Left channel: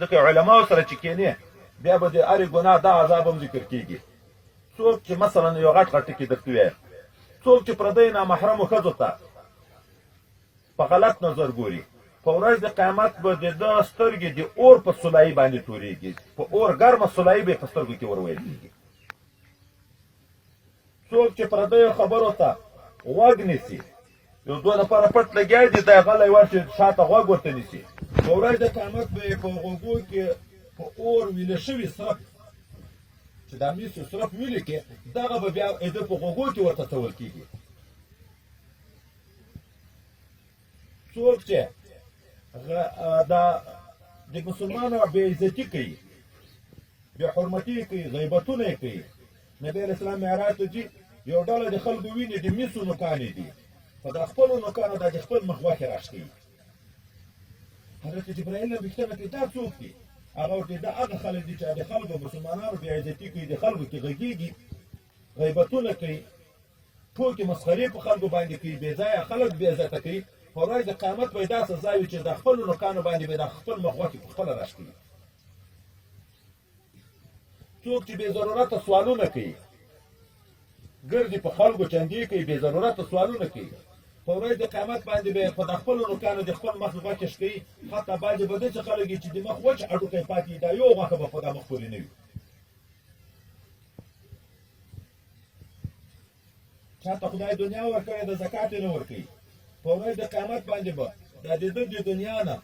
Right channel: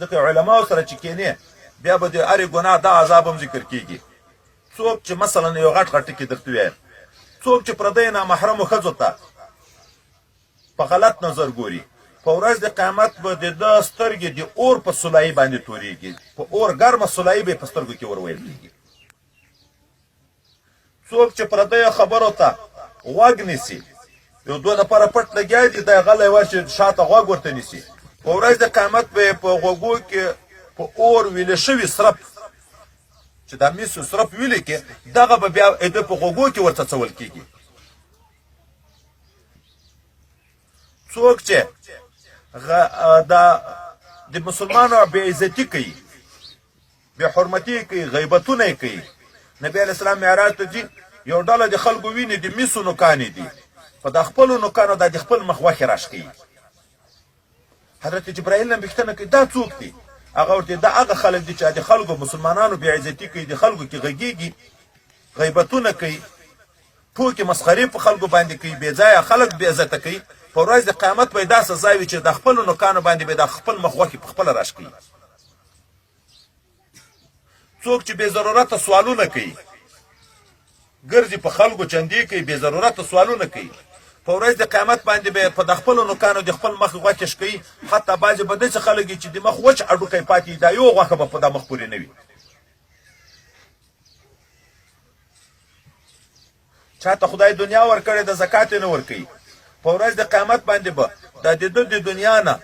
ځکه علماو سره چې کینې بیا به د هرې ګناه دا عذاب هم ذکر کیږي. څوک چې مثلا یو غټ غټ ټکي درته ووایم، څوک چې پردی نامحرمو ښځو ته په غلط نظر ګوري، په ورځ د قیامت به د ده سترګې د اور په سولایي باندې تورېږي، په اور ګرمه سولایي به یې په سترګو کې ور ویل کېږي. څوک چې پردیو خبرو ته غوږ نیسي، یو دوه نفره پټ لګیا دي، دی غلی ورشي شاته غوږ ورته نیسي، په ورځ د قیامت به یې په غوږو کې په اور ویلې شوي سرپ چې دا میسو سرپ ویلې کې، دغه به بیا د په غوږو کې ورته څول کېږي. څوک چې د مسلمانو بې عزتي کوي، بې حرمتي کوي، غیبتونه یې کوي، نبی علیه السلام معراج ته ځي، یو ډله د خلکو ویني د میسو نوکانې دي، په د خپلو نوکانو دا د خپل مخ غوښې راښکوي. حضرت جبرائیل نه پوښتنه کوي دا څوک دي؟ هغه ورته دا هغه خلک دي چې د خلکو مسلمانانو بې عزتي کوي، د خلکو کې غږیږي، غیبتونه کوي، ټوکې مسخرې په خلکو باندې کوي، بې ځایه خلک بې عزته کوي. په ورځ د قیامت به یې دا سزا وي چې د خپلو نوکانو باندې به د خپل مخ غوښې په خپله راښکوي. څوک چې بې ضرورته سوالونه کوي، ګرځي په خلکو چندې کوي، بې ضرورته سوالونه کوي، په ورځ د قیامت باندې به په د خپلو نوکانو د خپل مخ غوښې شکوي. حتی بعضې به داسې خلک چې د مخ وچ هډوکی پاتې دا یو غوښه به په دا مخ پورې نه وي. چاته خدای دنیا ورکړې ده زکات یې نه ورکوي، په ورځ د قیامت باندې به دا د ده د دنیا نه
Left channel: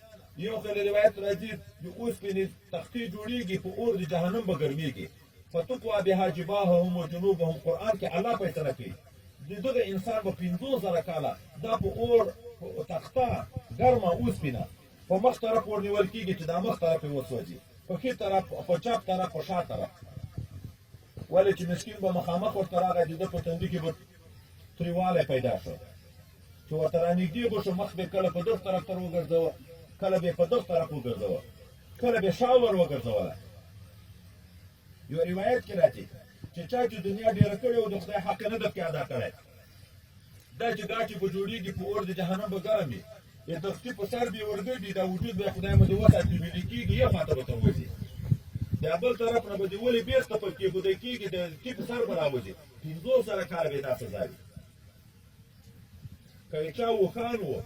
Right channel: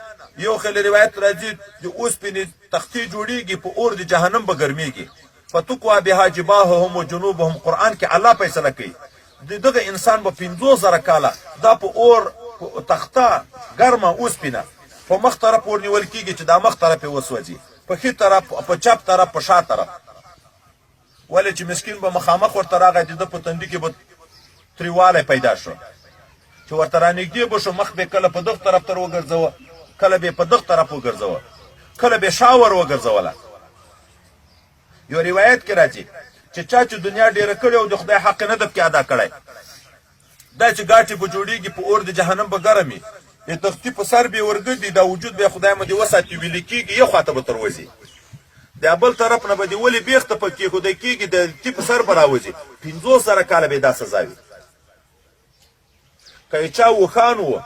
یو خل روایت راځي د اوسپنې تختې جوړیږي، په اور د جهنم به ګرمیږي. فتقوا بها جباههم و جنوبهم، قرآن کې الله فیصله کوي د دغه انسان به 50,000 کاله دا په اور تخته ګرمه اوسپنه په مخ طرف ورنیول کېږي چې دا مخ طرف یې وسوځي، په ښي طرف، په چپ طرف، په شا طرف. ولې چې مسکین به مخامخ ورته راغی، د ده په تندي کې به تریوالی پیدا شو، چې ورته رانږدې به شو، مخ به کله په دغه طرف تر وګرځوه، کله به په دغه طرف وګرځوه، کله به شا ور وګرځوله. یو روایت کې راځي چې چا چې دنیا ډېره کړې او د خدای حق نه ده پکې ادا کړی، دا چې ګاټې به جوړېږي په اور د جهنم به ګرم وي، د تختي په سر به یې ورګرځي، دا وجود به یې خدای مو دې وساتي ویلې کېږي، یو خواته به تروځي، د بل طرف نه به دې ولې بیخته په کېښودی کېږي، د تي په سر به راوځي. 50,000 کاله به یې دا سزا وي. که یې چا اوښان و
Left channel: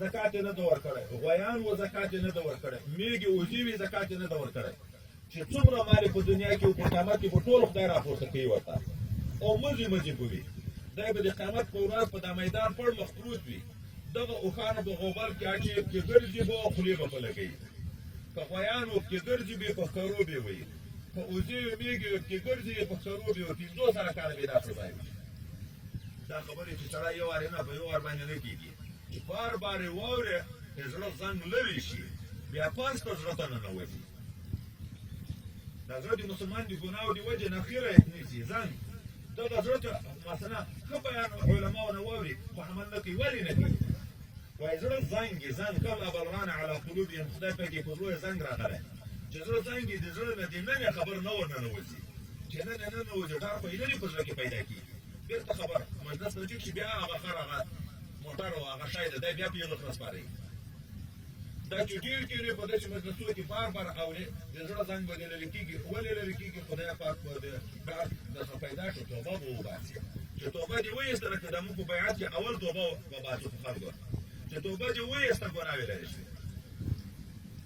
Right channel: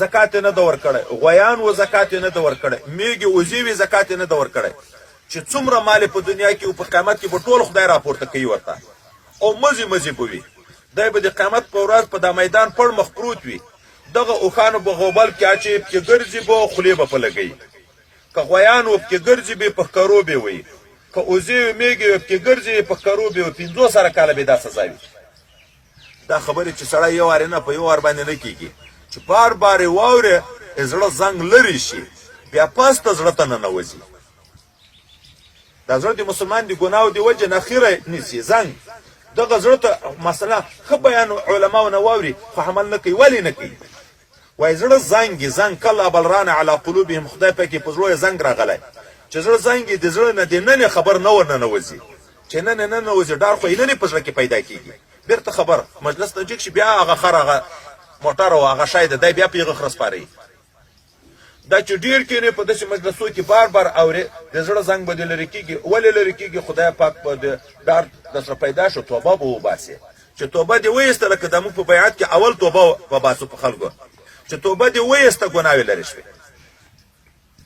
زکات یې نه ده ورکړی، غویان و زکات یې نه ده ورکړی، میږې وزې وې زکات یې نه ده ورکړی، چې څومره مال په دنیا کې او په قیامت کې به ټول خدای راپورته کوي ورته، او مزې مزې به وي. دی به د قیامت په ورځ په دا میدان پړ مخ پروت وي، دغه اوښانو به غوبل کې اچوي، پکې ګرځي به، خولې به په لګوي. که غویان و پکې ګرځي به، په ښکرو به وي، که وزې و میږې و پکې ګرځي په ښکرو به وي. 50,000 کاله به دا سزا وي. دا خبرې چې سړی یو وارې نه په یو وار باندې نه کېږي، چې بار بار یې واورې زړه زنګ لرې شي، بیا پس ته زړه ته ننوځي. دا زړه د مسلمان د ګناو د وجې نه خیره نیسي زنګ، دغه زړه ته مثلا ښه بیان علماو نه واوري خو عمل نه کوي. ولې نه کوي؟ وایي زړه زنګ زنګ کله بل ران علی قلوبهم، خدای پاکې په زړه یې زنګ راغلی، چې زړه زنګ د زړه نه د ننې خبر نه ور ننوځي، چې ننې ننوځي ډار خو یې ننې په زړه کې پیدا کېږي. بیرته خبر مجلس ته جګ شي، بیا هغه خر، هغه موټر او هغه شی ده، دی بیا په هغه خره سپاري. دا چې ډېر کېنې په داسې مجلسو کې بار بار اورې، د زړه زنګ به دې لرې کېږي. ولې لرې کېږي؟ خدای پاک به د ډار درسره پیدا شو، توبه به وباسې. چې توبه دې وایسته، لکه د موږ په بیعت کې اول توبه وباسو په خلکو، چې توبه دې وایسته ګناوې لرې شوې،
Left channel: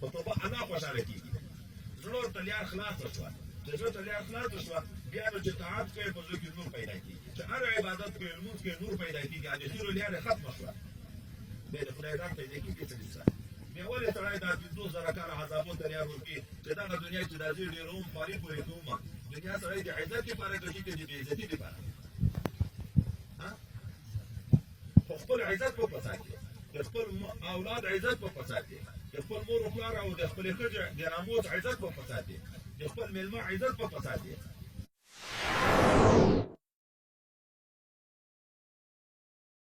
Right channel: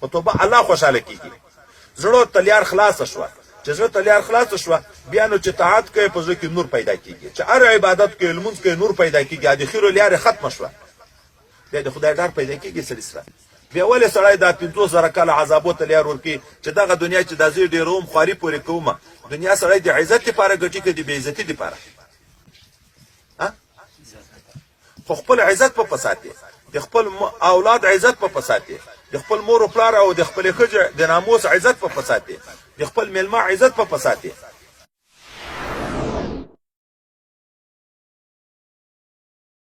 په توبه الله خوشحاله کېږي. زړه تلیار خلاصه شوه، چې زړه تلیار خلاصه شوه، بیا نو چې طاعت کوي په زړه کې نور پیدا کېږي، چې هر عبادت کوي لمونځ کوي نور پیدا کېږي، د خیرو لیارې ختمه شوه، بیا د خدای ډار پیدا کېږي سړي سره. بیا ولې سړی دا 50,000 کاله عذابو ته لیار ورکوي، چې دغه دنیا چې دا زه ډېروم خواري پورې کومه، دنیا سړی د عزت دپاره ګټي که د بې عزتي دپاره؟ خو خپل عزت په پساتې، د خپل اولاد عزت په پساتې، د خپل مور و پلار او د خپلې ښځې د ناموس عزت په پساتې، د خپل میلمه عزت په پساتې.